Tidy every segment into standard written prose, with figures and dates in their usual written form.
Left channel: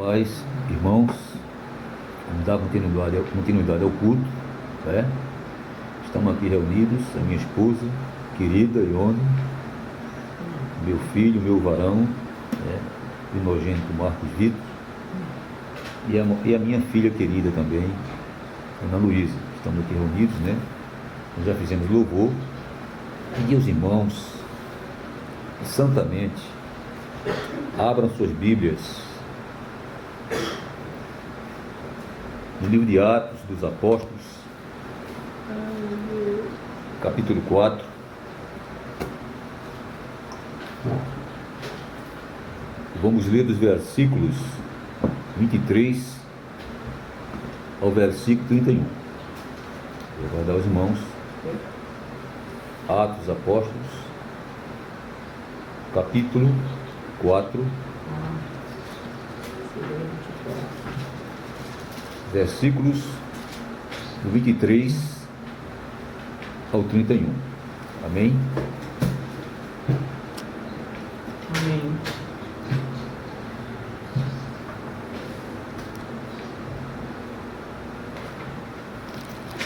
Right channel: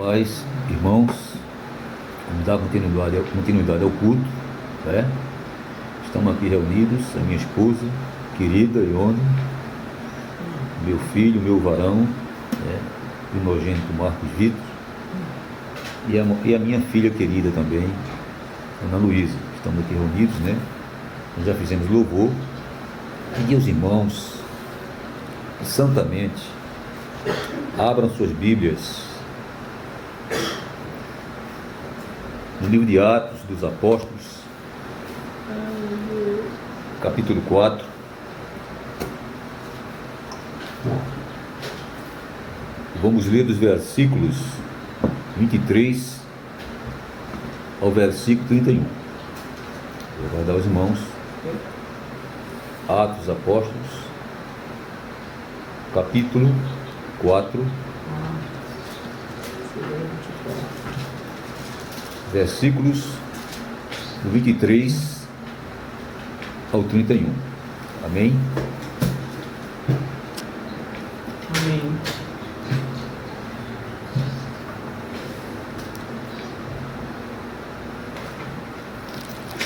Paz, irmãos, vamos dar continuidade ao culto, né? Estamos aqui reunidos, a minha esposa, querida Ione, meu filho, meu varão, né? O nojento Marcos Vitor, e a minha filha querida também, Ana Luísa. Estamos aqui reunidos, né? Nós já fizemos louvor, e os irmãos, santamente, abram suas Bíblias no livro de Atos dos Apóstolos, capítulo 4. Vamos ler dos versículos 23 ao versículo 31. Vou guardar os irmãos. Atos dos Apóstolos, capítulo 4, versículos do 23 ao 31. Amém? Amém.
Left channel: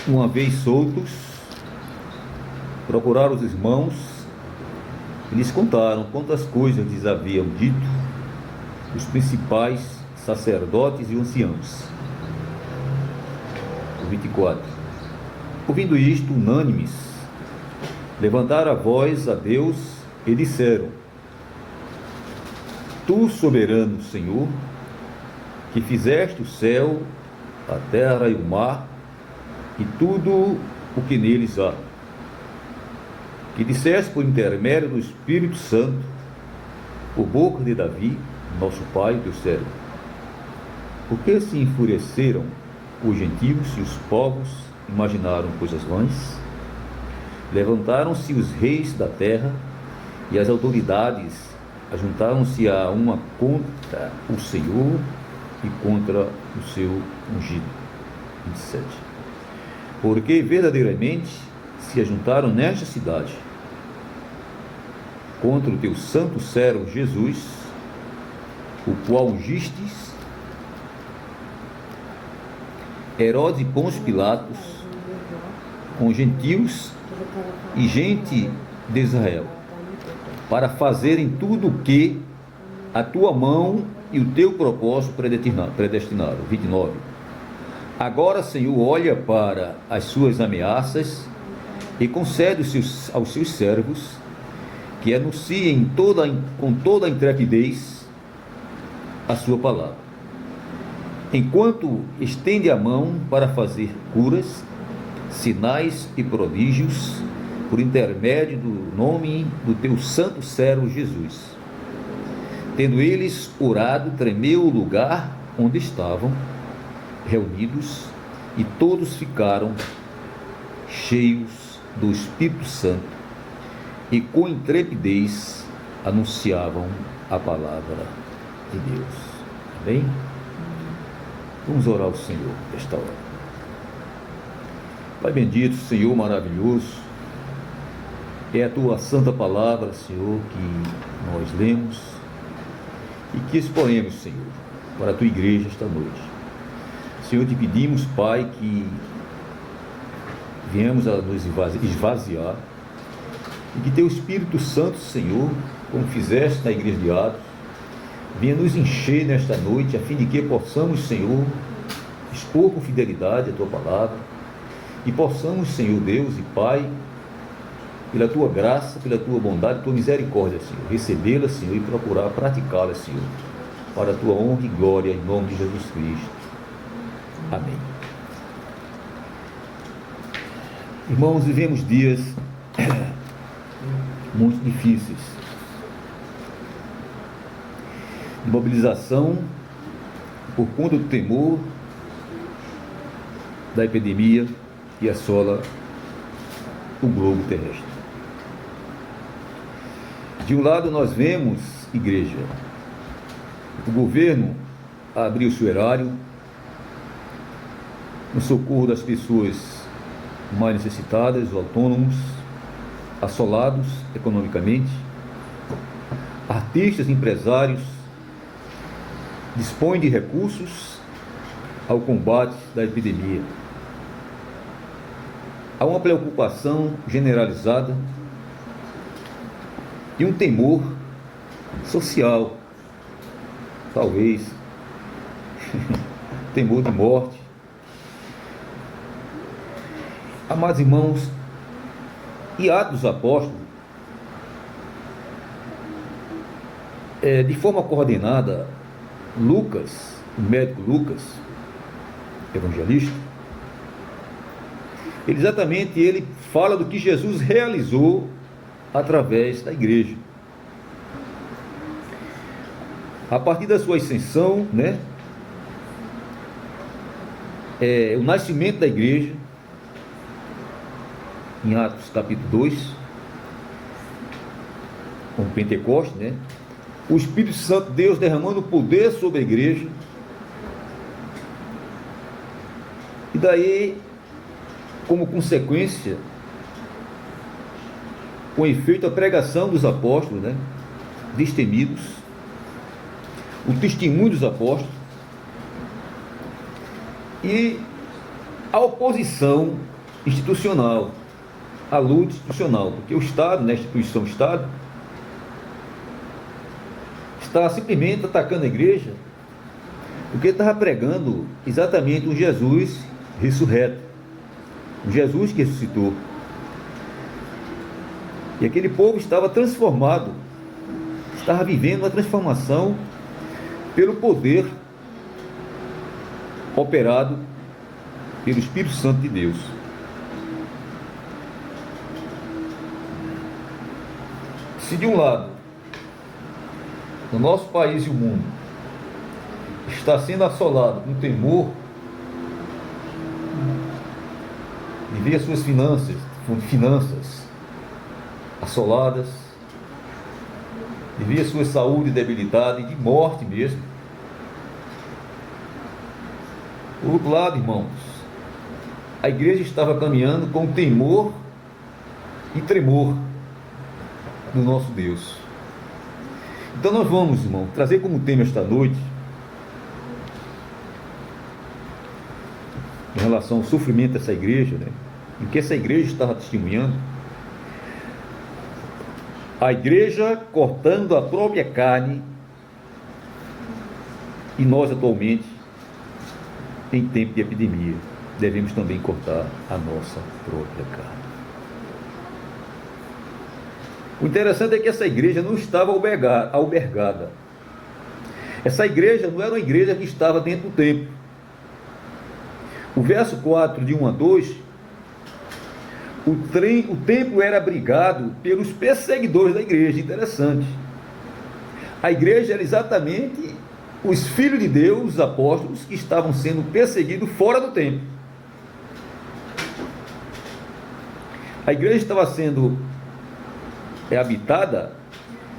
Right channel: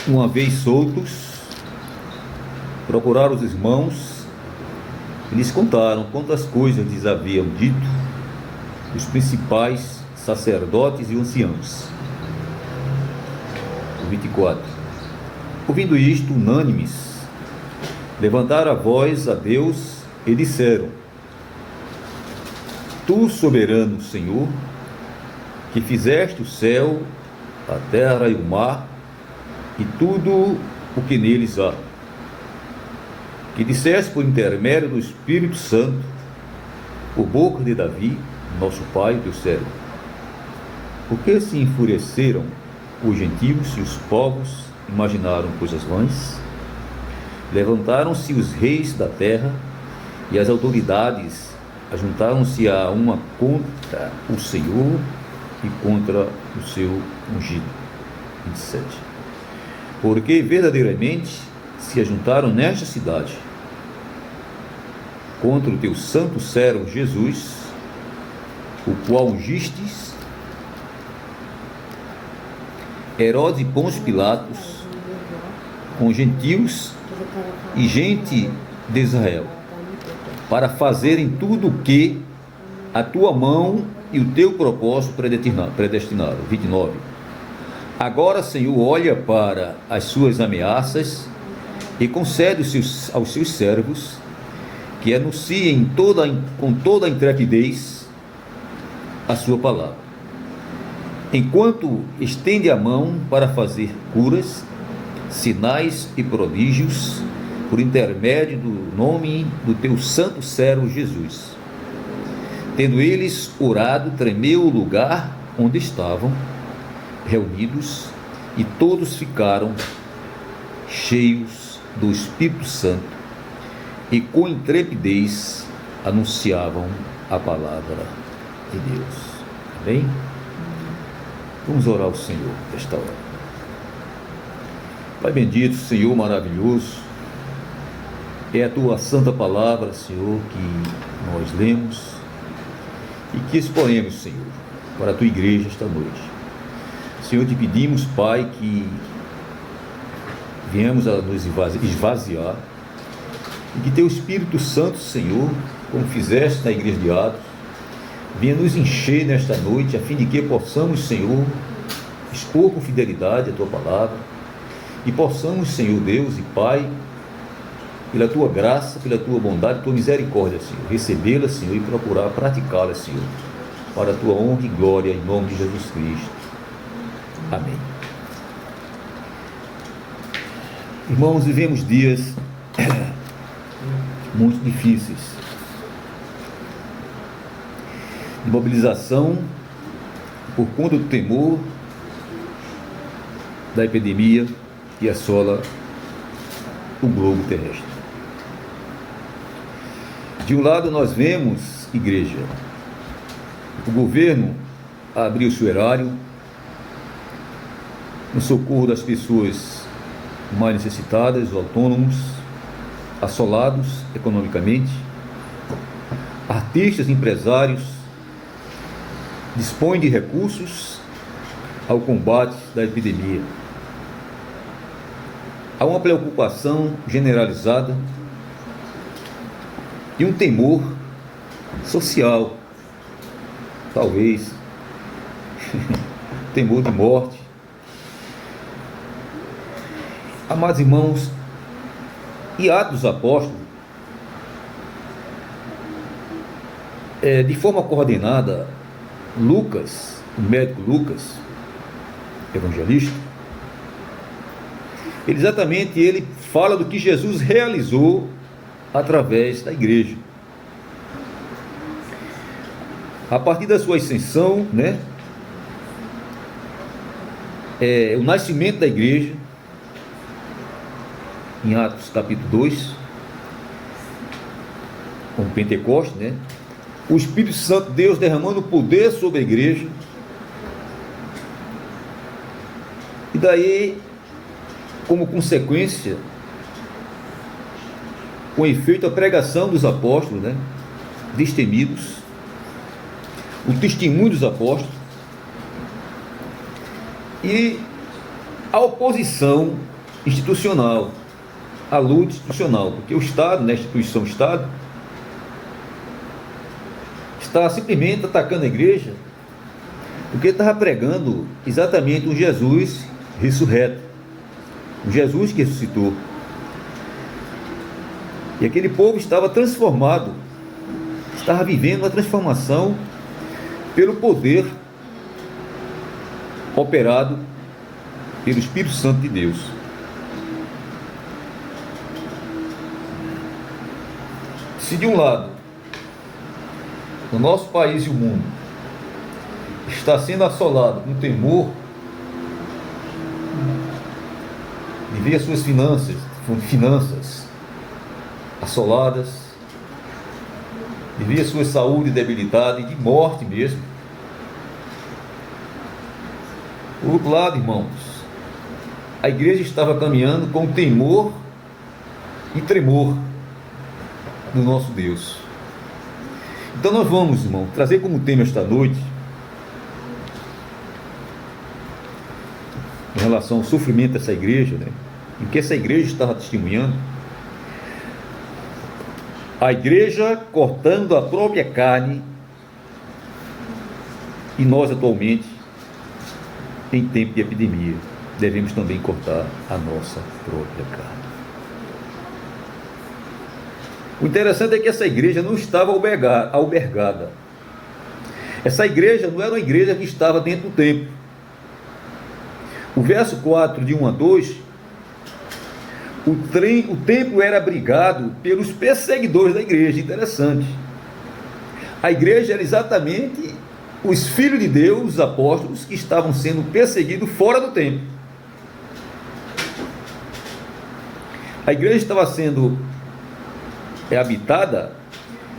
Uma vez soltos, procuraram os irmãos e lhes contaram quantas coisas lhes haviam dito os principais sacerdotes e anciãos. 24. Ouvindo isto, unânimes, levantaram a voz a Deus e disseram: Tu, soberano Senhor, que fizeste o céu, a terra e o mar, e tudo o que neles há, que disseste por intermédio do Espírito Santo, por boca de Davi, nosso pai, teu servo. Por que se enfureceram os gentios e os povos imaginaram coisas vãs? Levantaram-se os reis da terra e as autoridades ajuntaram-se a uma contra o Senhor e contra o seu ungido. 27. Porque verdadeiramente se ajuntaram nesta cidade contra o teu santo servo Jesus, o qual ungistes, Herodes e Pôncio Pilatos, com gentios e gente de Israel, para fazerem tudo o que a tua mão e o teu propósito predestinaram. 29. Agora, Senhor, olha para as suas ameaças e concede aos seus servos que anunciem com toda a intrepidez a sua palavra, enquanto estende a mão para fazer curas, sinais e prodígios, por intermédio do nome do teu santo servo Jesus. Tendo eles orado, tremeu o lugar onde estavam reunidos, e todos ficaram cheios do Espírito Santo e com intrepidez anunciavam a palavra de Deus. Amém? Vamos orar ao Senhor nesta hora. Pai bendito, Senhor maravilhoso, é a tua santa palavra, Senhor, que nós lemos e que exponemos, Senhor, para a tua igreja esta noite. Senhor, te pedimos, Pai, que venhamos a nos esvaziar e que teu Espírito Santo, Senhor, como fizeste na igreja de Atos, venha nos encher nesta noite, a fim de que possamos, Senhor, expor com fidelidade a tua palavra e possamos, Senhor Deus e Pai, pela tua graça, pela tua bondade, tua misericórdia, Senhor, recebê-la, Senhor, e procurar praticá-la, Senhor, para a tua honra e glória, em nome de Jesus Cristo. Amém. Irmãos, vivemos dias muito difíceis de mobilização por conta do temor da epidemia que assola o globo terrestre. De um lado nós vemos, igreja, o governo abriu seu erário no socorro das pessoas mais necessitadas, os autônomos, assolados economicamente, artistas, empresários, dispõe de recursos ao combate da epidemia. Há uma preocupação generalizada e um temor social, talvez, temor de morte. Amados irmãos, e Atos dos Apóstolos, de forma coordenada, Lucas, o médico Lucas, evangelista, ele fala do que Jesus realizou através da igreja. A partir da sua ascensão, o nascimento da igreja, em Atos capítulo 2, com Pentecostes, o Espírito Santo de Deus derramando poder sobre a igreja, e daí, como consequência, com efeito, a pregação dos apóstolos, destemidos, o testemunho dos apóstolos, e a oposição institucional, a luta institucional, porque o Estado, a instituição Estado, está simplesmente atacando a igreja, porque estava pregando exatamente um Jesus ressurreto, um Jesus que ressuscitou. E aquele povo estava transformado, estava vivendo uma transformação pelo poder operado pelo Espírito Santo de Deus. Se de um lado, o nosso país e o mundo está sendo assolado no temor de ver as suas finanças assoladas, de ver a sua saúde debilitada e de morte mesmo. Por outro lado, irmãos, a igreja estava caminhando com temor e tremor do nosso Deus. Então nós vamos, irmão, trazer como tema esta noite, em relação ao sofrimento dessa igreja, o que essa igreja estava testemunhando. A igreja cortando a própria carne, e nós atualmente, em tempo de epidemia, devemos também cortar a nossa própria carne. O interessante é que essa igreja não estava albergada. Essa igreja não era uma igreja que estava dentro do templo. O verso 4, de 1 a 2, o templo era abrigado pelos perseguidores da igreja. Interessante. A igreja era exatamente os filhos de Deus, os apóstolos, que estavam sendo perseguidos fora do templo. A igreja estava sendo habitada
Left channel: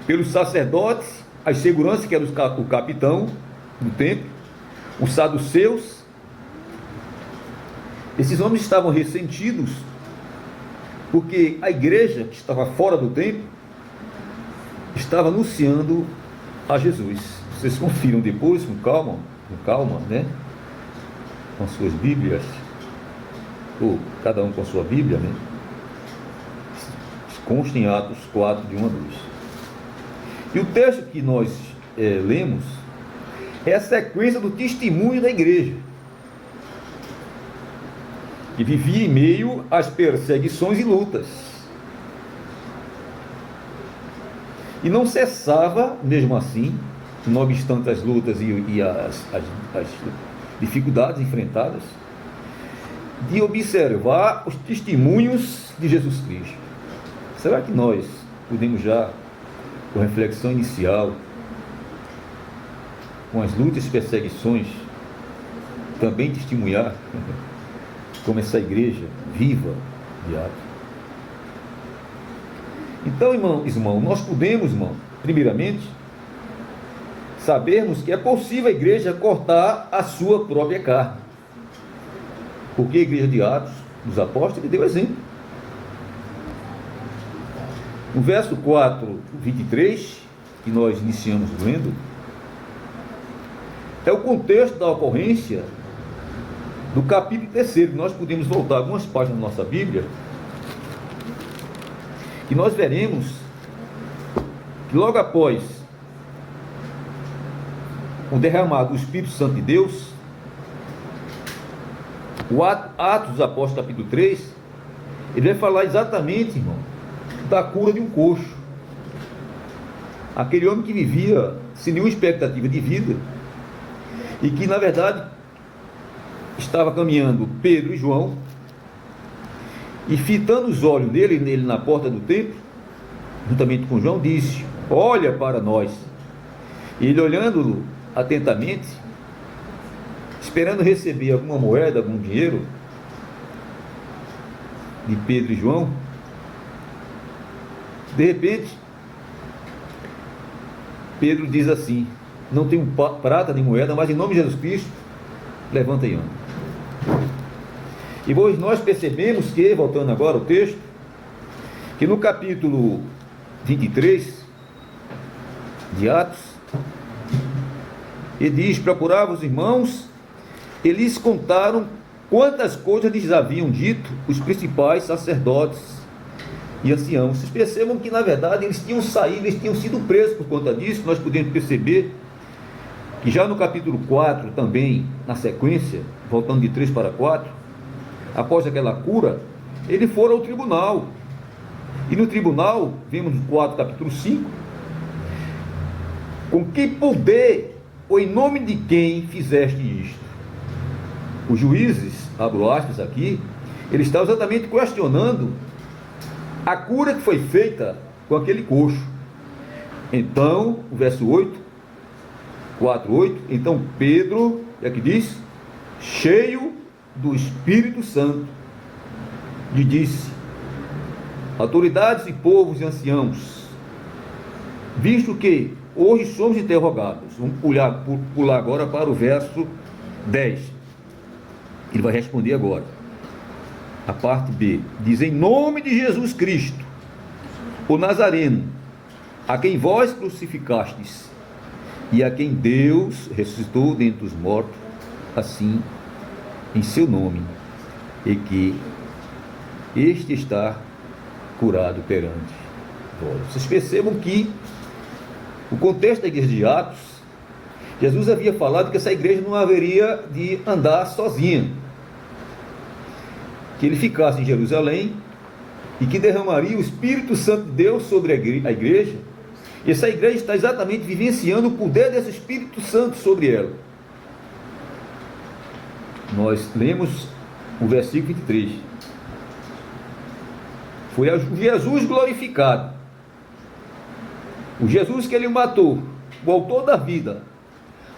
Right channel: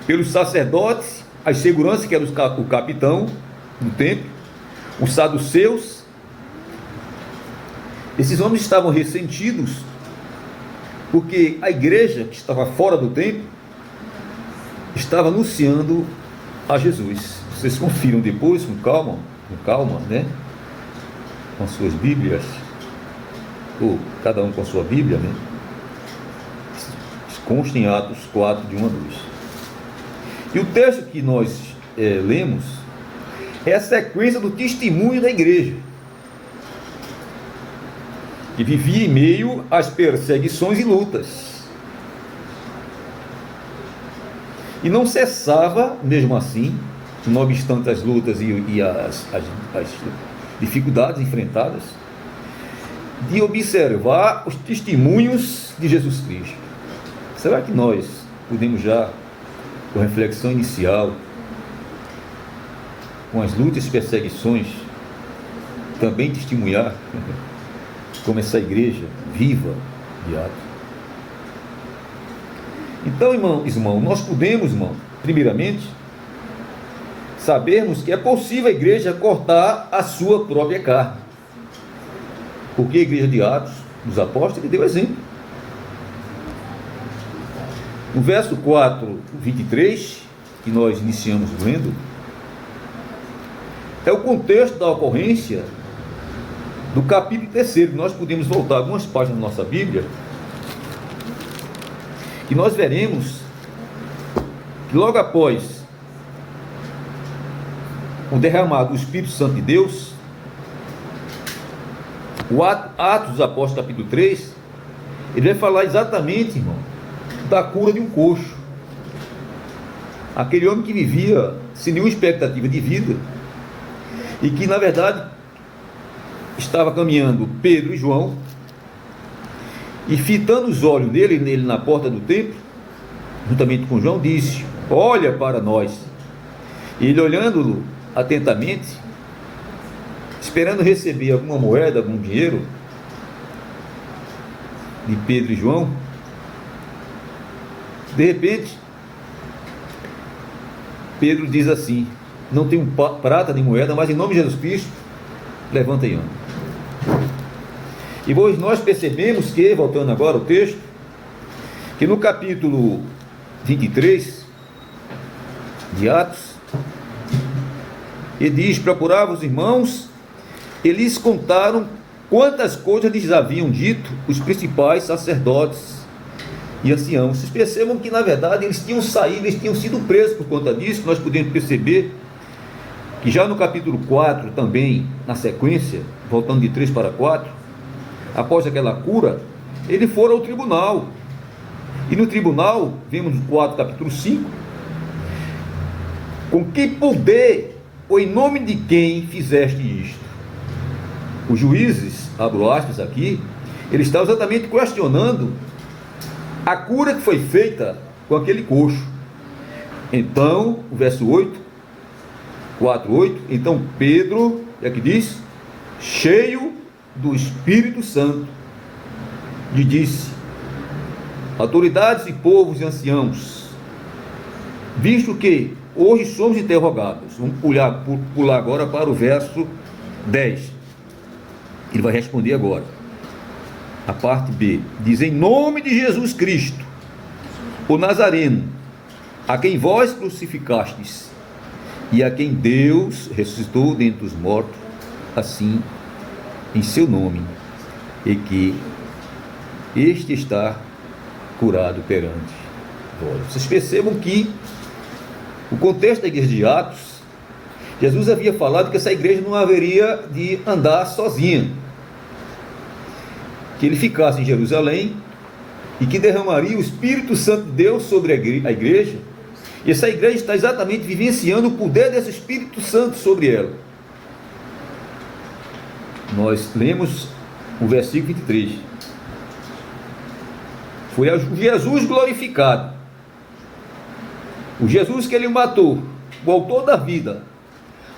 pelos sacerdotes, as seguranças, que era o capitão do templo, os saduceus. Esses homens estavam ressentidos porque a igreja que estava fora do templo estava anunciando a Jesus. Vocês confiram depois, com calma, com as suas Bíblias, ou cada um com a sua Bíblia, consta em Atos 4, de 1 a 2. E o texto que nós lemos é a sequência do testemunho da igreja, que vivia em meio às perseguições e lutas, e não cessava, mesmo assim, não obstante as lutas e as dificuldades enfrentadas, de observar os testemunhos de Jesus Cristo. Será que nós podemos já, com reflexão inicial, com as lutas e perseguições, também testemunhar como essa igreja viva de Atos? Então, irmão, nós podemos, primeiramente, sabermos que é possível a igreja cortar a sua própria carne. Porque a igreja de Atos, dos apóstolos, deu exemplo. No verso 4, 23, que nós iniciamos lendo, é o contexto da ocorrência do capítulo 3. Nós podemos voltar algumas páginas da nossa Bíblia, que nós veremos que logo após o derramado do Espírito Santo de Deus, o Atos dos Apóstolos, capítulo 3, ele vai falar exatamente, irmão, da cura de um coxo. Aquele homem que vivia sem nenhuma expectativa de vida e que, na verdade, estava caminhando Pedro e João e, fitando os olhos nele na porta do templo, juntamente com João, disse: olha para nós. E ele, olhando-lo atentamente, esperando receber alguma moeda, algum dinheiro de Pedro e João, de repente Pedro diz assim: não tenho prata nem moeda, mas em nome de Jesus Cristo, levanta e anda. E nós percebemos que, voltando agora ao texto, que no capítulo 23 de Atos, ele diz: procurava os irmãos, eles contaram quantas coisas lhes haviam dito os principais sacerdotes e anciãos. Vocês percebam que, na verdade, eles tinham saído, eles tinham sido presos por conta disso. Nós podemos perceber que já no capítulo 4, também, na sequência, voltando de 3 para 4, após aquela cura, eles foram ao tribunal. E no tribunal, vemos no 4, capítulo 5, com que poder ou em nome de quem fizeste isto? Os juízes, abro aspas aqui, eles estavam exatamente questionando a cura que foi feita com aquele coxo. Então, o verso 8, 4:8, então Pedro, é que diz, cheio do Espírito Santo, lhe disse: autoridades e povos e anciãos, visto que hoje somos interrogados, vamos pular agora para o verso 10. Ele vai responder agora. A parte B diz: em nome de Jesus Cristo, o Nazareno, a quem vós crucificastes e a quem Deus ressuscitou dentre os mortos, assim, em seu nome, e que este está curado perante vós. Vocês percebam que o contexto da igreja de Atos, Jesus havia falado que essa igreja não haveria de andar sozinha, que ele ficasse em Jerusalém e que derramaria o Espírito Santo de Deus sobre a igreja, e essa igreja está exatamente vivenciando o poder desse Espírito Santo sobre ela. Nós lemos o versículo 23. Foi o Jesus glorificado, o Jesus que ele matou, o autor da vida,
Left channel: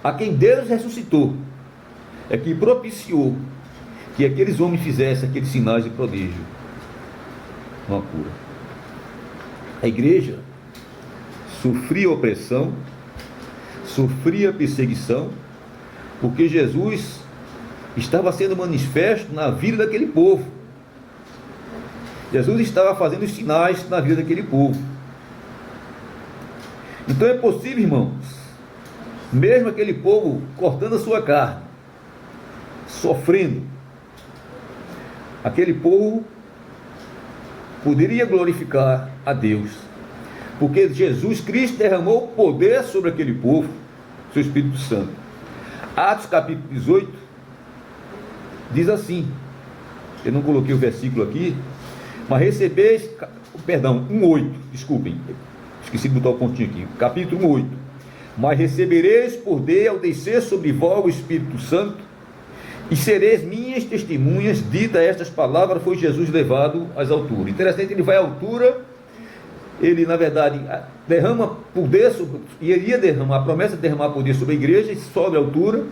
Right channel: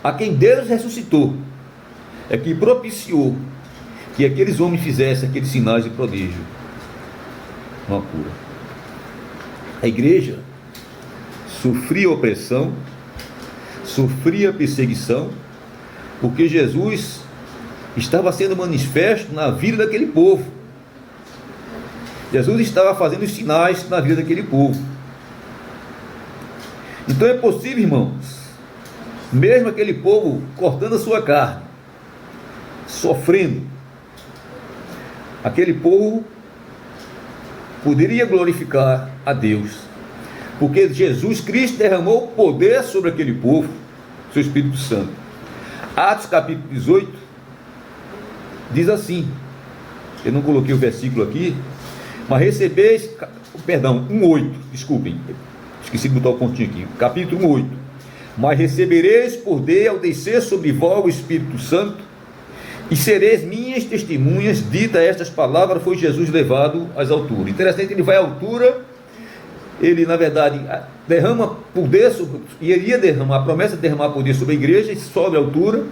a quem Deus ressuscitou, é que propiciou que aqueles homens fizessem aqueles sinais de prodígio, uma cura. A igreja sofria opressão, sofria perseguição, porque Jesus estava sendo manifesto na vida daquele povo. Jesus estava fazendo os sinais na vida daquele povo. Então é possível, irmãos, mesmo aquele povo cortando a sua carne, sofrendo, aquele povo poderia glorificar a Deus, porque Jesus Cristo derramou poder sobre aquele povo, seu Espírito Santo. Atos capítulo 18 diz assim, eu não coloquei o versículo aqui, mas recebeis, perdão, 1:8, desculpem, esqueci de botar o pontinho aqui, capítulo 1:8, mas recebereis poder ao descer sobre vós o Espírito Santo, e sereis minhas testemunhas. Dita estas palavras, foi Jesus levado às alturas. Interessante, ele vai à altura, ele na verdade derrama poder sobre, e ele ia derramar, a promessa de derramar poder sobre a igreja, e sobe à altura,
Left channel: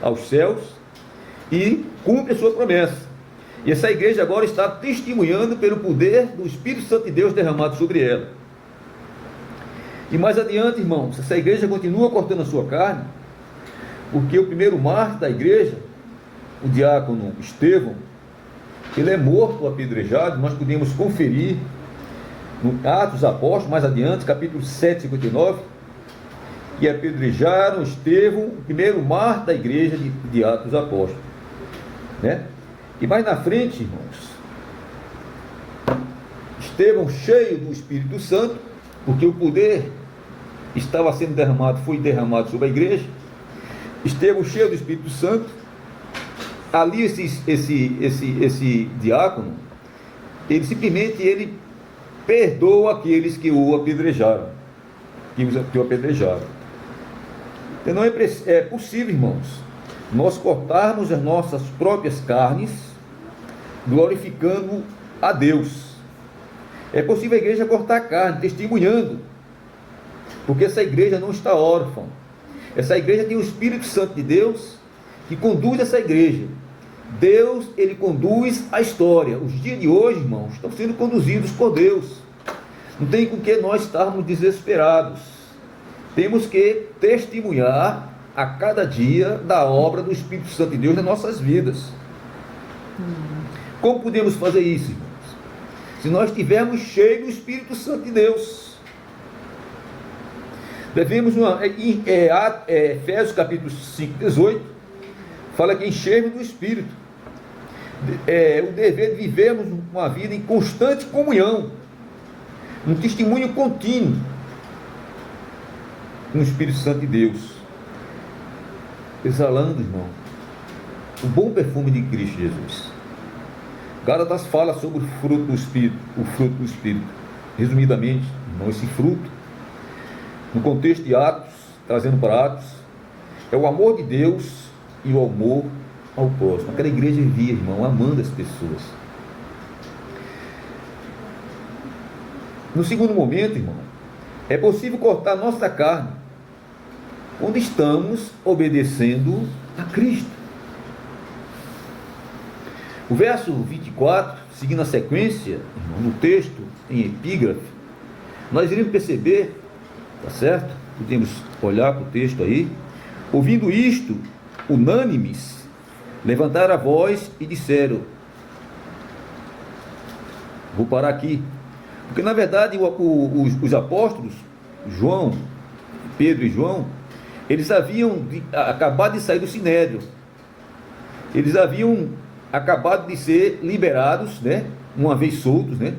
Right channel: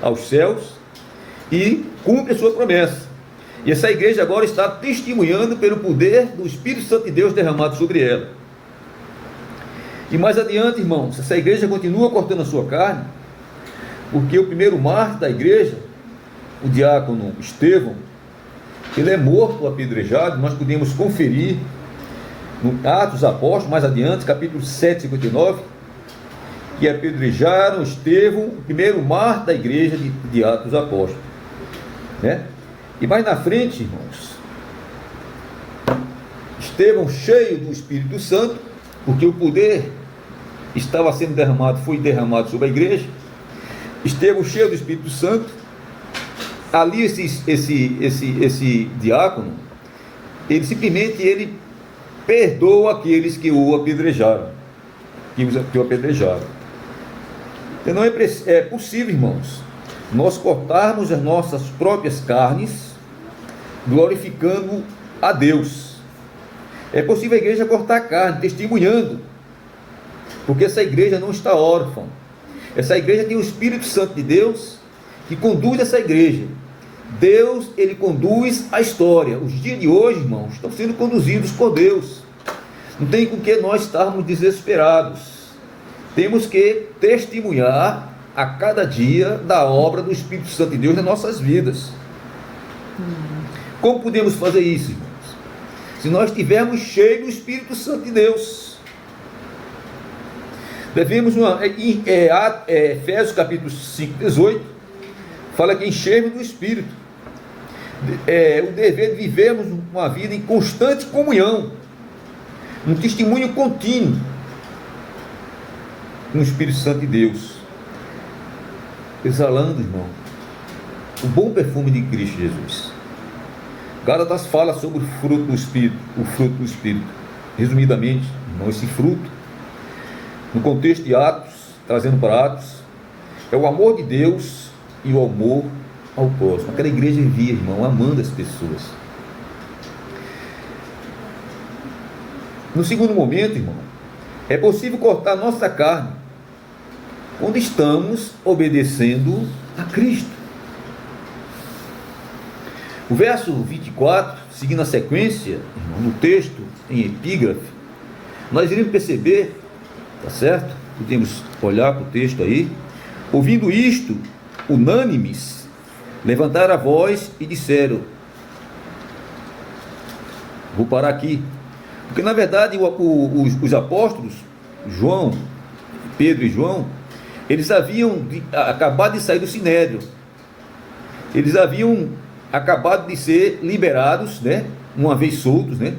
aos céus, e cumpre a sua promessa. E essa igreja agora está testemunhando pelo poder do Espírito Santo de Deus derramado sobre ela. E mais adiante, irmãos, essa igreja continua cortando a sua carne, porque o primeiro mártir da igreja, o diácono Estevão, ele é morto, apedrejado. Nós podemos conferir no Atos dos Apóstolos, mais adiante, capítulo 7, 59, que apedrejaram Estevão, o primeiro mártir da igreja de Atos dos Apóstolos. Né? E mais na frente, irmãos, Estevão, cheio do Espírito Santo, porque o poder estava sendo derramado, foi derramado sobre a igreja. Estevão, cheio do Espírito Santo, ali esse diácono, ele simplesmente perdoa aqueles que o apedrejaram, que o apedrejaram. Então não é possível, irmãos, nós cortarmos as nossas próprias carnes, glorificando a Deus. É possível a igreja cortar a carne, testemunhando, porque essa igreja não está órfã. Essa igreja tem o Espírito Santo de Deus, que conduz essa igreja. Deus, ele conduz a história. Os dias de hoje, irmãos, estão sendo conduzidos por Deus. Não tem com que nós estarmos desesperados. Temos que testemunhar a cada dia da obra do Espírito Santo de Deus nas nossas vidas. Como podemos fazer isso, irmãos? Se nós estivermos cheios do Espírito Santo de Deus. Devemos, Efésios capítulo 5, 18, fala que enchermos do Espírito. O dever de vivermos uma vida em constante comunhão, um testemunho contínuo com o Espírito Santo de Deus, exalando, irmão, o bom perfume de Cristo Jesus. Gálatas fala sobre o fruto do Espírito, resumidamente, irmão, esse fruto, no contexto de Atos, trazendo para Atos, é o amor de Deus e o amor ao próximo. Aquela igreja vivia, irmão, amando as pessoas. No segundo momento, irmão, é possível cortar nossa carne quando estamos obedecendo a Cristo. O verso 24, seguindo a sequência, irmão, no texto, em epígrafe, nós iremos perceber, tá certo? Podemos olhar para o texto aí. Ouvindo isto, unânimes, levantaram a voz e disseram, vou parar aqui, porque na verdade os apóstolos, João, Pedro e João, eles haviam acabado de sair do Sinédrio, eles haviam acabado de ser liberados, né, uma vez soltos, né,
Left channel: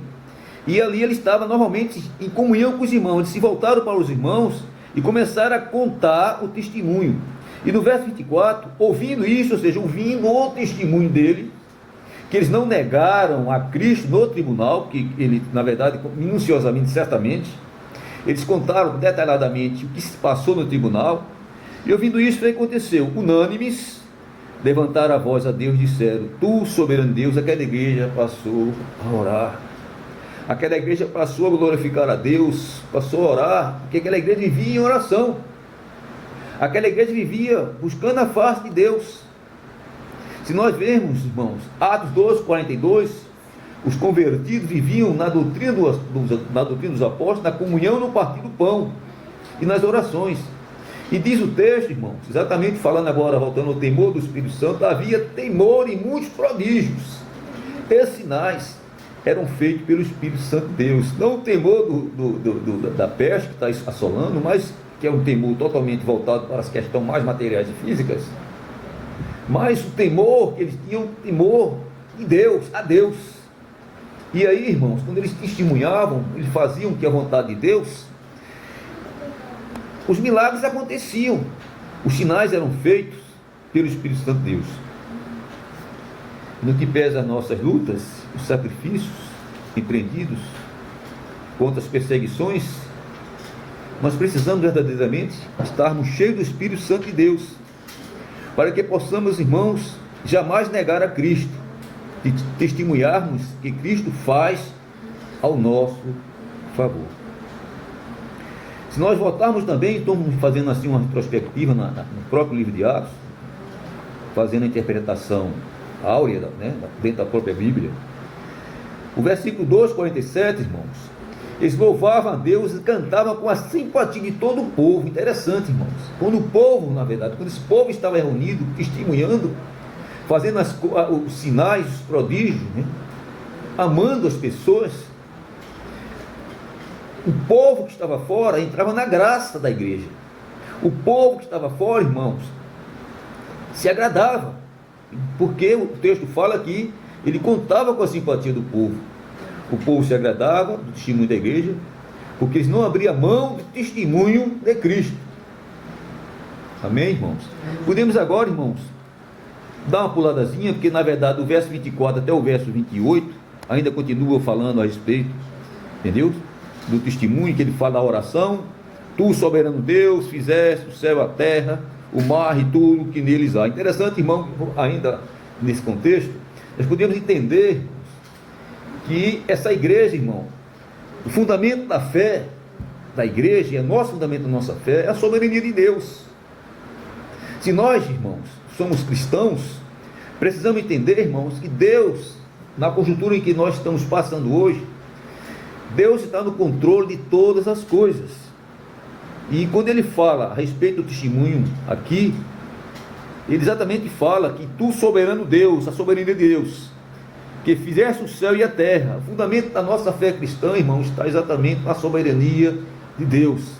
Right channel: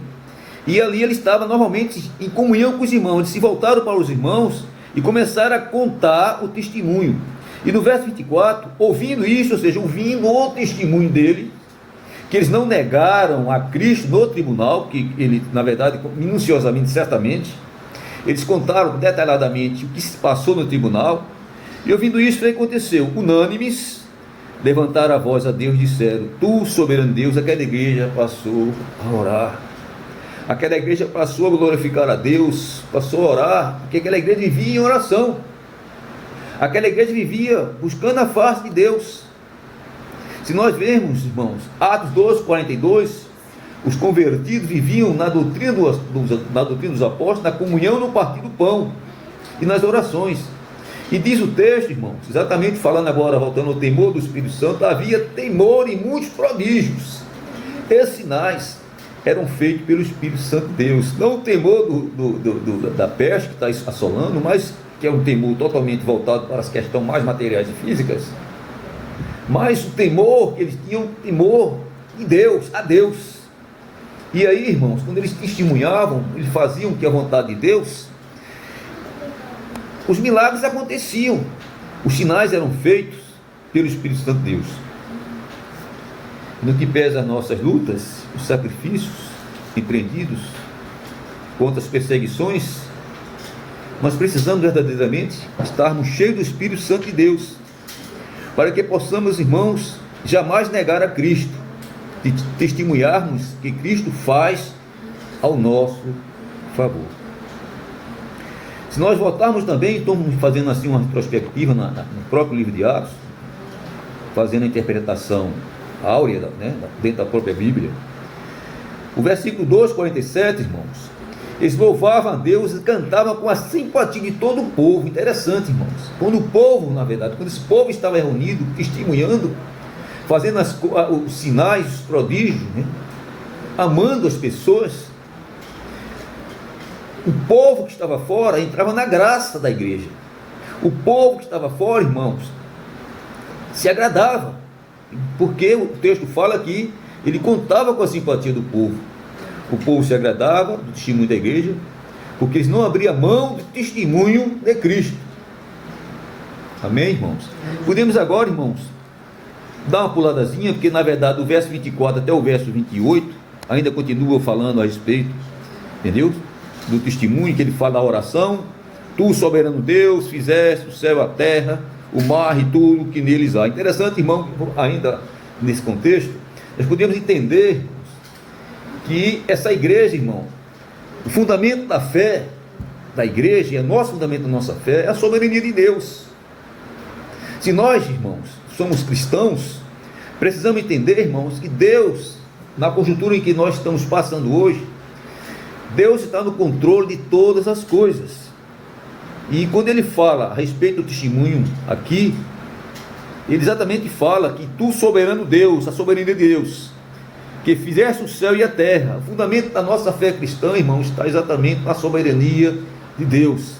e ali eles estavam normalmente em comunhão com os irmãos. Eles se voltaram para os irmãos e começaram a contar o testemunho. E no verso 24, ouvindo isso, ou seja, ouvindo o testemunho dele, que eles não negaram a Cristo no tribunal, que ele, na verdade, minuciosamente, certamente, eles contaram detalhadamente o que se passou no tribunal, e ouvindo isso, o que aconteceu? Unânimes, levantaram a voz a Deus e disseram, tu, soberano Deus, aquela igreja passou a orar, aquela igreja passou a glorificar a Deus, passou a orar, porque aquela igreja vivia em oração, aquela igreja vivia buscando a face de Deus. Se nós vermos, irmãos, Atos 12, 42, os convertidos viviam na doutrina dos apóstolos, na comunhão, no partir do pão e nas orações. E diz o texto, irmãos, exatamente falando agora, voltando ao temor do Espírito Santo, havia temor em muitos prodígios. Esses sinais eram feitos pelo Espírito Santo de Deus. Não o temor da peste que está assolando, mas que é um temor totalmente voltado para as questões mais materiais e físicas. Mas o temor, eles tinham temor de Deus, a Deus. E aí, irmãos, quando eles testemunhavam, eles faziam que a vontade de Deus, os milagres aconteciam, os sinais eram feitos pelo Espírito Santo de Deus. No que pesa as nossas lutas, os sacrifícios empreendidos contra as perseguições, nós precisamos verdadeiramente estarmos cheios do Espírito Santo de Deus, para que possamos, irmãos, jamais negar a Cristo, e testemunharmos que Cristo faz ao nosso favor. Se nós voltarmos também, estamos fazendo assim uma retrospectiva no próprio livro de Atos, fazendo a interpretação áurea, né, dentro da própria Bíblia, o versículo 2, 47, irmãos, eles louvavam a Deus e cantavam com a simpatia de todo o povo. Interessante, irmãos, quando o povo, na verdade, quando esse povo estava reunido, testemunhando, fazendo os sinais, os prodígios, né, amando as pessoas, o povo que estava fora entrava na graça da igreja. O povo que estava fora, irmãos, se agradava, porque o texto fala que ele contava com a simpatia do povo. O povo se agradava do testemunho da igreja, porque eles não abriam mão do testemunho de Cristo. Amém, irmãos? Podemos agora, irmãos, dar uma puladazinha, porque na verdade do verso 24 até o verso 28 ainda continua falando a respeito, entendeu? Do testemunho, que ele fala da oração. Tu, soberano Deus, fizeste o céu, a terra, o mar e tudo que neles há. Interessante, irmão, ainda nesse contexto, nós podemos entender que essa igreja, irmão, o fundamento da fé da igreja, e o nosso fundamento da nossa fé, é a soberania de Deus. Se nós, irmãos, somos cristãos, precisamos entender, irmãos, que Deus, na conjuntura em que nós estamos passando hoje, Deus está no controle de todas as coisas. E quando ele fala a respeito do testemunho aqui, ele exatamente fala que tu, soberano Deus, a soberania de Deus, que fizeste o céu e a terra. O fundamento da nossa fé cristã, irmãos, está exatamente na soberania de Deus.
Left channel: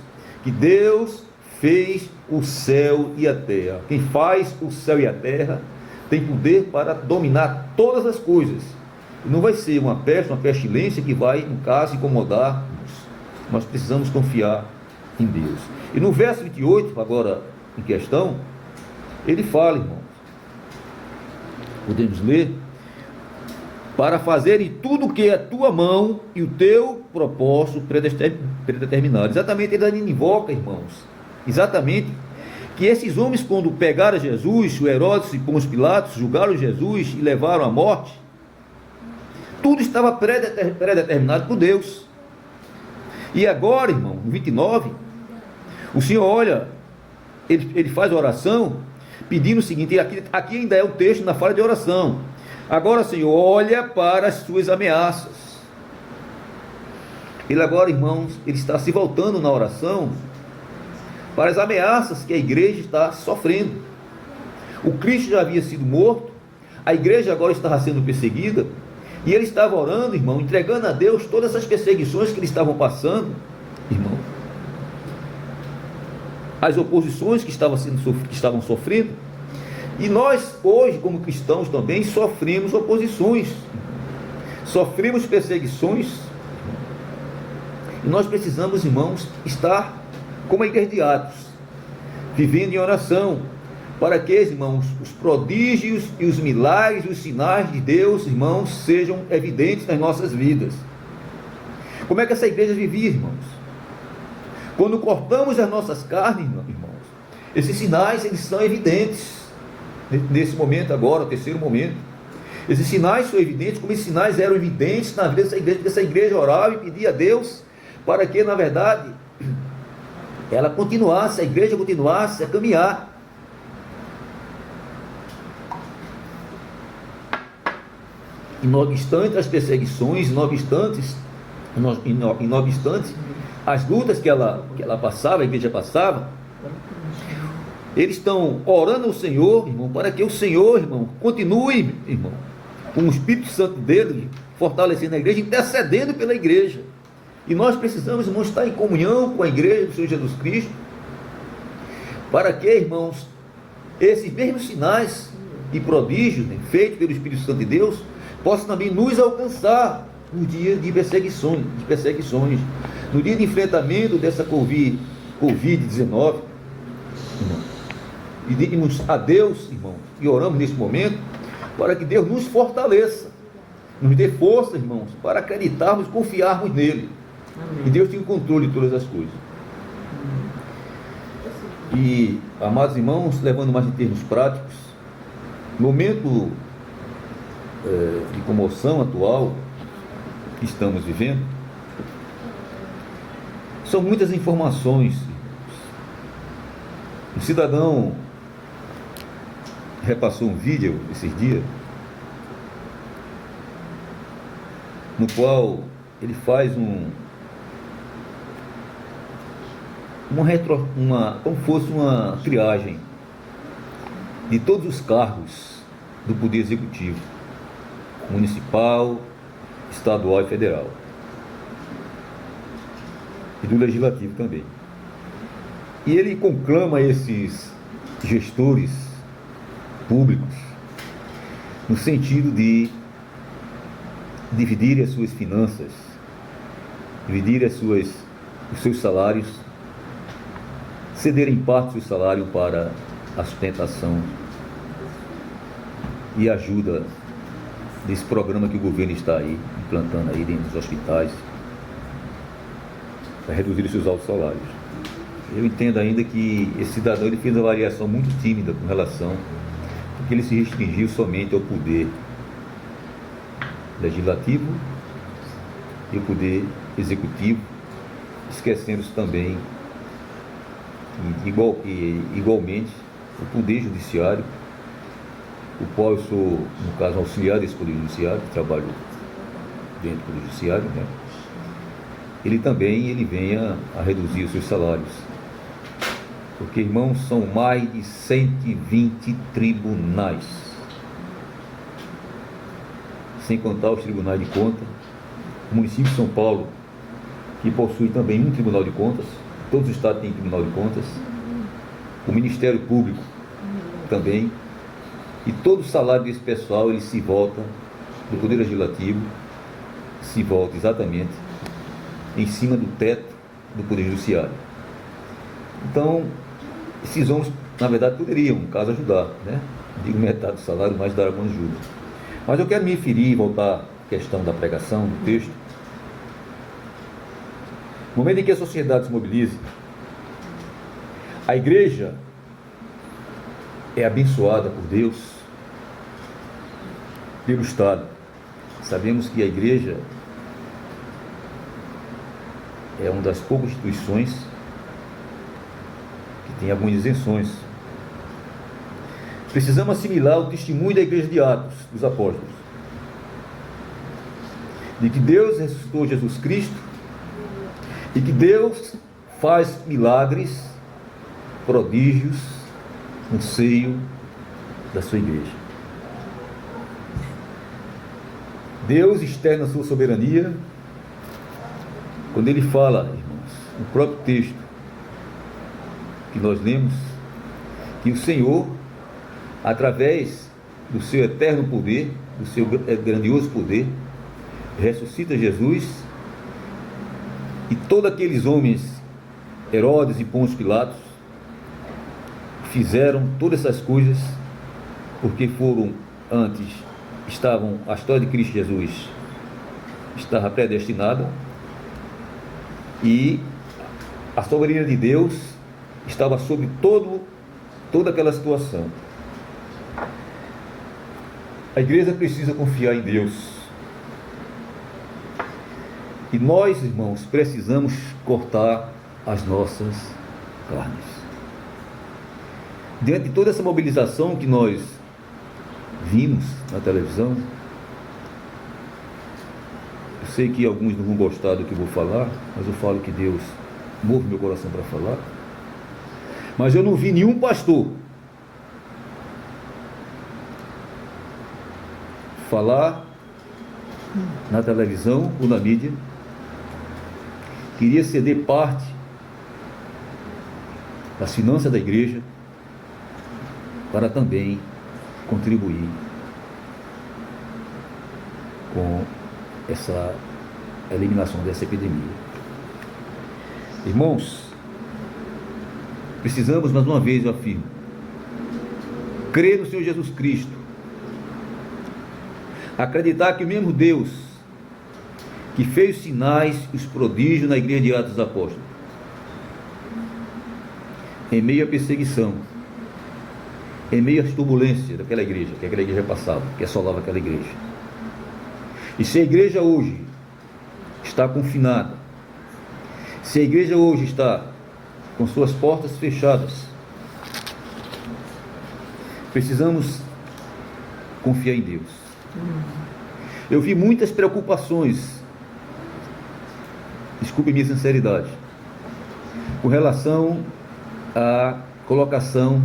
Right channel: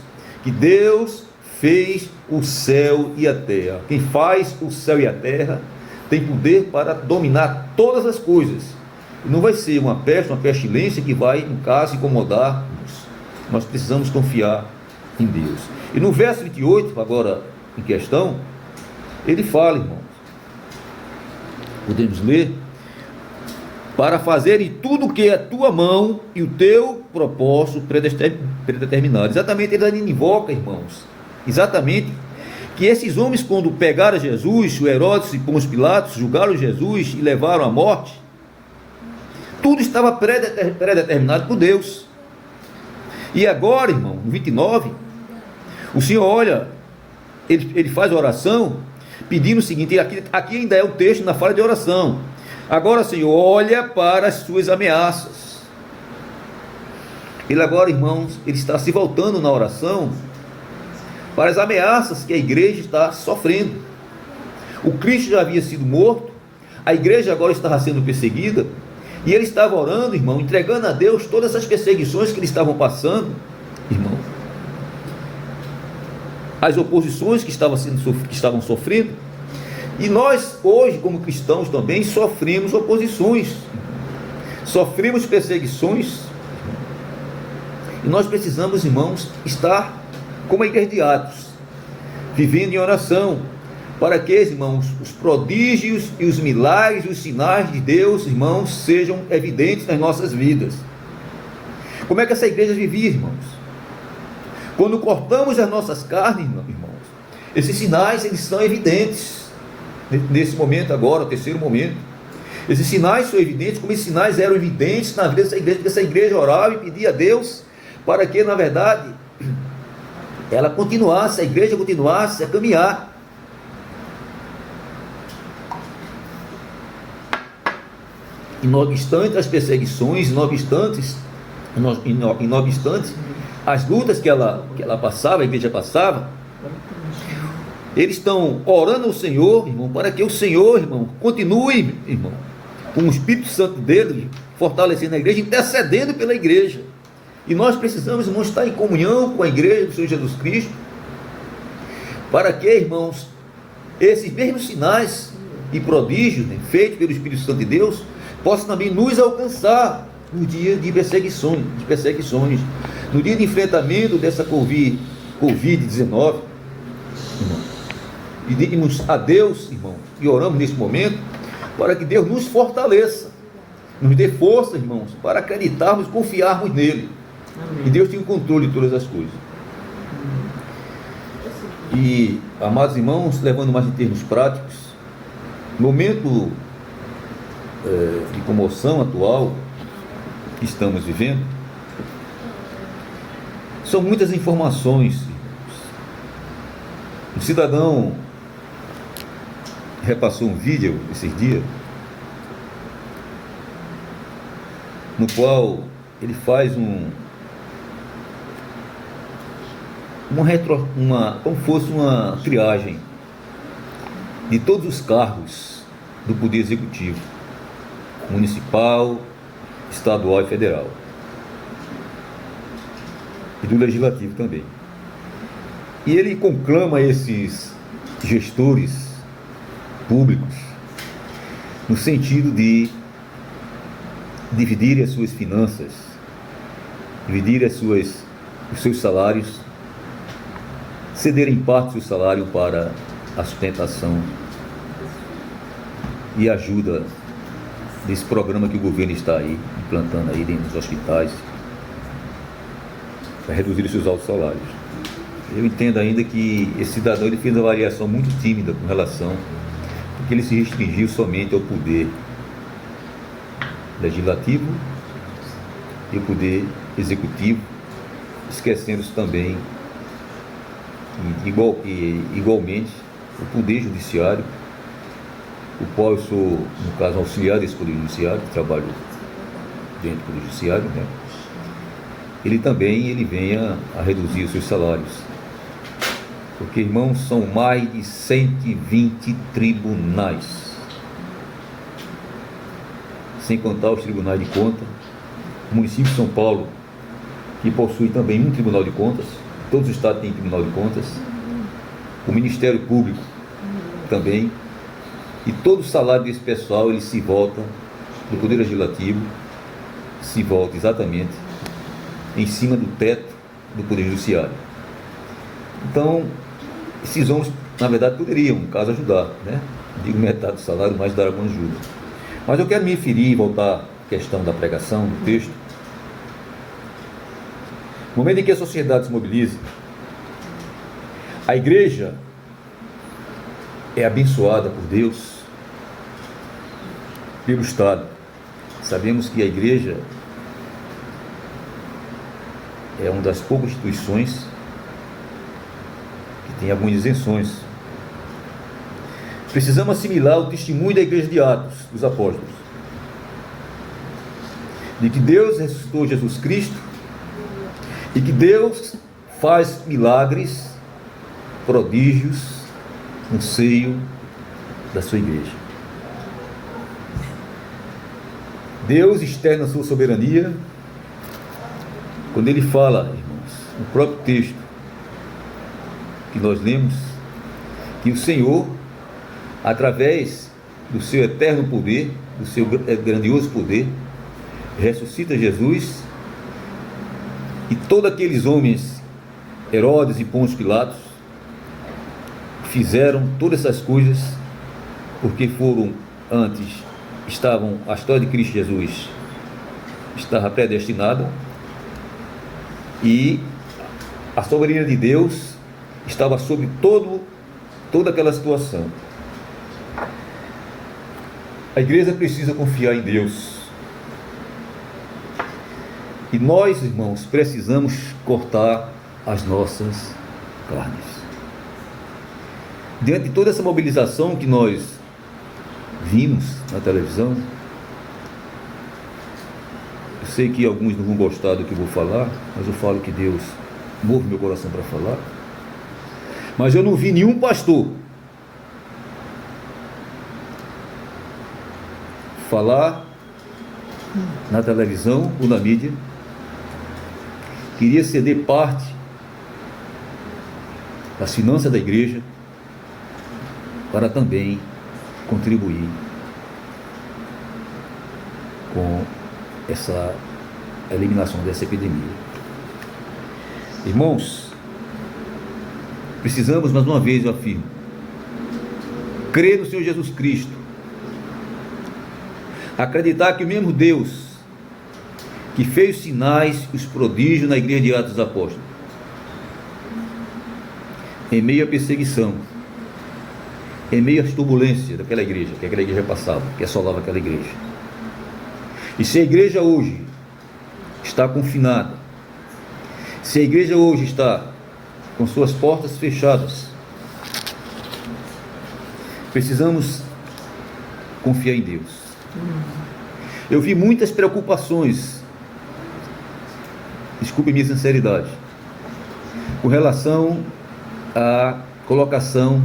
Que Deus fez o céu e a terra. Quem faz o céu e a terra tem poder para dominar todas as coisas. E não vai ser uma pestilência que vai, no caso, incomodar-nos. Nós precisamos confiar em Deus. E no verso 28, agora em questão, ele fala, irmãos, podemos ler: para fazerem tudo o que é a tua mão e o teu propósito predeterminado. Exatamente, ele invoca, irmãos, exatamente, que esses homens, quando pegaram Jesus, o Herodes e Pôncio Pilatos, julgaram Jesus e levaram à morte, tudo estava predeterminado por Deus. E agora, irmão, no 29, o Senhor olha, ele faz a oração, pedindo o seguinte, aqui ainda é o texto na fala de oração: agora, Senhor, olha para as suas ameaças. Ele agora, irmãos, ele está se voltando na oração para as ameaças que a igreja está sofrendo. O Cristo já havia sido morto, a igreja agora estava sendo perseguida, e ele estava orando, irmão, entregando a Deus todas essas perseguições que eles estavam passando, irmão, as oposições que estavam sofrendo. E nós, hoje, como cristãos também, sofremos oposições, sofremos perseguições, e nós precisamos, irmãos, estar como a igreja de Atos, vivendo em oração, para que, irmãos, os prodígios e os milagres e os sinais de Deus, irmãos, sejam evidentes nas nossas vidas. Como é que essa igreja vivia, irmãos? Quando cortamos as nossas carnes, irmãos, esses sinais, eles são evidentes. Nesse momento agora, o terceiro momento, esses sinais são evidentes, como esses sinais eram evidentes na vida dessa igreja, porque essa igreja orava e pedia a Deus para que, na verdade, ela continuasse, a igreja continuasse a caminhar. E não obstante as perseguições, não obstante as lutas que ela passava, a igreja passava, eles estão orando ao Senhor, irmão, para que o Senhor, irmão, continue, irmão, com o Espírito Santo dele, fortalecendo a igreja, intercedendo pela igreja. E nós precisamos, irmãos, estar em comunhão com a igreja do Senhor Jesus Cristo, para que, irmãos, esses mesmos sinais e prodígios, né, feitos pelo Espírito Santo de Deus, possam também nos alcançar no dia de perseguições, no dia de enfrentamento dessa Covid-19, irmão. E pedimos a Deus, irmão, e oramos nesse momento, para que Deus nos fortaleça, nos dê força, irmãos, para acreditarmos, confiarmos nele. Amém. E Deus tem o controle de todas as coisas. E, amados irmãos, levando mais em termos práticos, no momento de comoção atual que estamos vivendo, são muitas informações. O cidadão repassou um vídeo esses dias, no qual ele faz como fosse uma triagem de todos os cargos do Poder Executivo, municipal, estadual e federal, e do Legislativo também. E ele conclama esses gestores públicos no sentido de dividir as suas finanças, dividir os seus salários, cederem parte do salário para a sustentação e ajuda desse programa que o governo está aí implantando aí dentro dos hospitais para reduzir os seus altos salários. Eu entendo ainda que esse cidadão ele fez uma avaliação muito tímida com relação, porque ele se restringiu somente ao poder legislativo e o poder executivo, esquecendo-se também igualmente o poder judiciário, o qual eu sou, no caso, auxiliar desse poder judiciário, que trabalho dentro do poder judiciário, né? Ele também venha a reduzir os seus salários. Porque, irmãos, são mais de 120 tribunais, sem contar os tribunais de contas. O município de São Paulo, que possui também um tribunal de contas, todos os estados têm tribunal de contas, o Ministério Público também, e todo o salário desse pessoal ele se volta do Poder Legislativo, se volta exatamente em cima do teto do Poder Judiciário. Então, esses homens, na verdade, poderiam, no caso, ajudar, né? Digo metade do salário, mas dar alguma ajuda. Mas eu quero me referir e voltar à questão da pregação, do texto. No momento em que a sociedade se mobiliza, a igreja é abençoada por Deus, pelo Estado. Sabemos que a igreja é uma das poucas instituições que tem algumas isenções. Precisamos assimilar o testemunho da igreja de Atos, dos apóstolos, de que Deus ressuscitou Jesus Cristo e que Deus faz milagres, prodígios no seio da sua igreja. Deus externa a sua soberania quando ele fala, irmãos, no próprio texto que nós lemos, que o Senhor, através do seu eterno poder, do seu grandioso poder, ressuscita Jesus, e todos aqueles homens, Herodes e Pôncio Pilatos, fizeram todas essas coisas porque a história de Cristo Jesus estava predestinada, e a soberania de Deus estava sobre toda aquela situação. A igreja precisa confiar em Deus. E nós, irmãos, precisamos cortar as nossas carnes. Diante de toda essa mobilização que nós vimos na televisão, eu sei que alguns não vão gostar do que eu vou falar, mas eu falo que Deus move meu coração para falar. Mas eu não vi nenhum pastor falar na televisão ou na mídia que iria ceder parte das finanças da igreja para também contribuir com essa eliminação dessa epidemia. Irmãos, precisamos, mais uma vez eu afirmo, crer no Senhor Jesus Cristo, acreditar que o mesmo Deus que fez os sinais, os prodígios na igreja de Atos dos Apóstolos, em meio à perseguição, em meio às turbulências daquela igreja, que aquela igreja passava, que assolava aquela igreja. E se a igreja hoje está confinada, se a igreja hoje está com suas portas fechadas, precisamos confiar em Deus. Eu vi muitas preocupações, desculpe minha sinceridade, com relação à colocação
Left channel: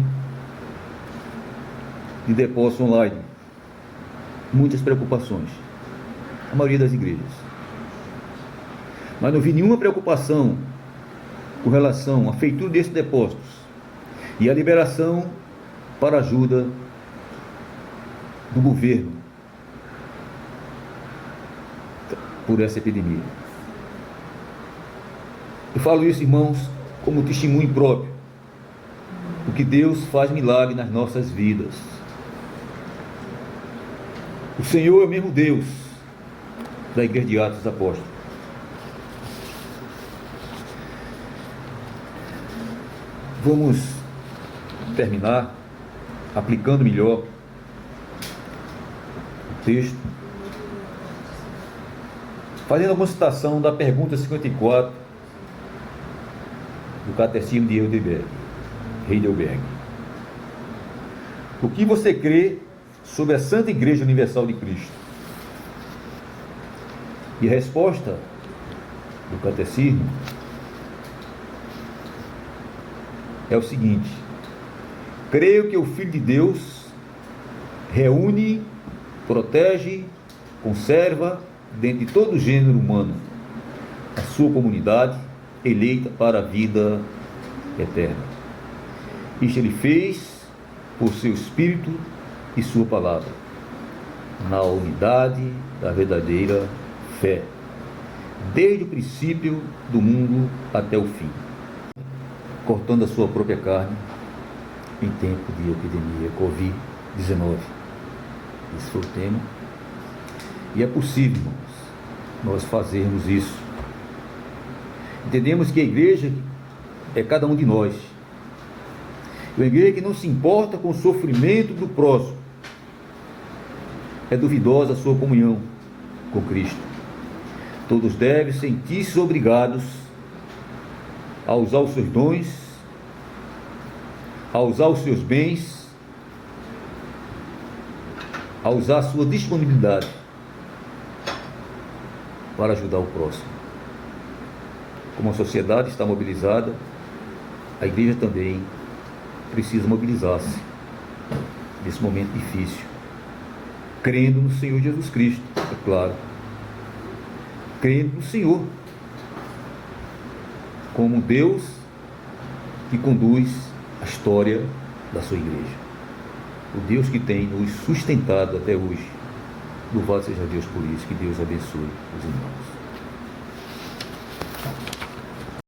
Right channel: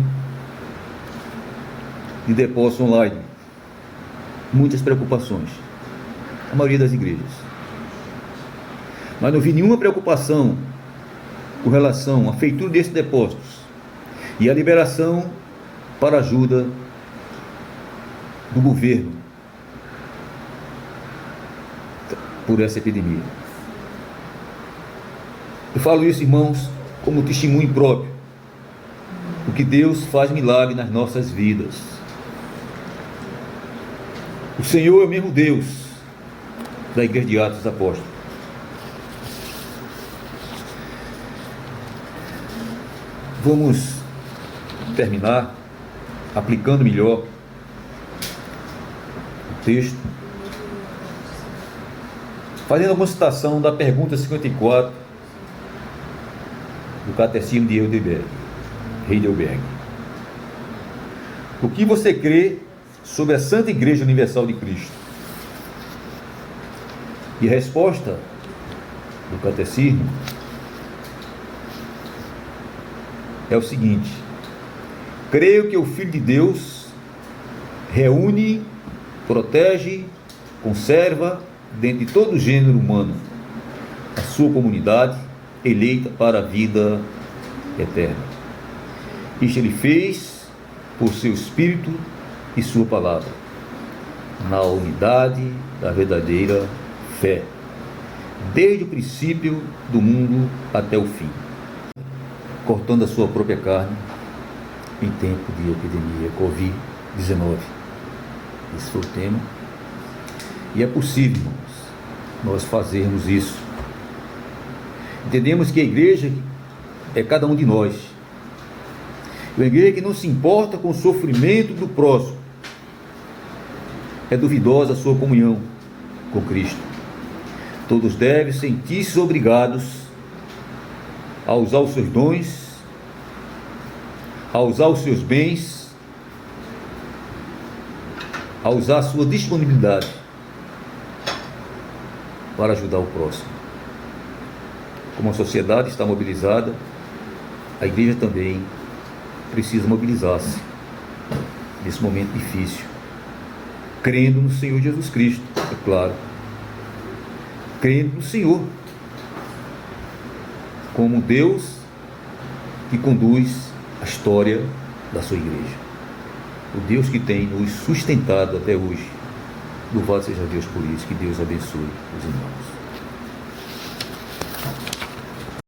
de depósito online. Muitas preocupações, a maioria das igrejas. Mas não vi nenhuma preocupação com relação à feitura desses depósitos e a liberação para ajuda do governo por essa epidemia. Eu falo isso, irmãos, como testemunho próprio, porque Deus faz milagre nas nossas vidas. O Senhor é o mesmo Deus da Igreja de Atos dos Apóstolos. Vamos terminar aplicando melhor o texto, fazendo alguma citação da pergunta 54 do Catecismo de Heidelberg. O que você crê sobre a Santa Igreja Universal de Cristo? E a resposta do Catecismo é o seguinte: creio que o Filho de Deus reúne, protege, conserva, dentro de todo o gênero humano, a sua comunidade eleita para a vida eterna. Isto ele fez por seu Espírito e sua palavra, na unidade da verdadeira fé, desde o princípio do mundo até o fim, cortando a sua própria carne em tempo de epidemia Covid-19. Esse foi o tema. E é possível, irmãos, nós fazermos isso. Entendemos que a igreja é cada um de nós. Uma igreja que não se importa com o sofrimento do próximo. É duvidosa a sua comunhão com Cristo. Todos devem sentir-se obrigados a usar os seus dons, a usar os seus bens, a usar a sua disponibilidade para ajudar o próximo. Como a sociedade está mobilizada, a igreja também precisa mobilizar-se nesse momento difícil, crendo no Senhor Jesus Cristo, é claro, crendo no Senhor como Deus que conduz a história da sua igreja, o Deus que tem nos sustentado até hoje. Louvado seja Deus por isso. Que Deus abençoe os irmãos.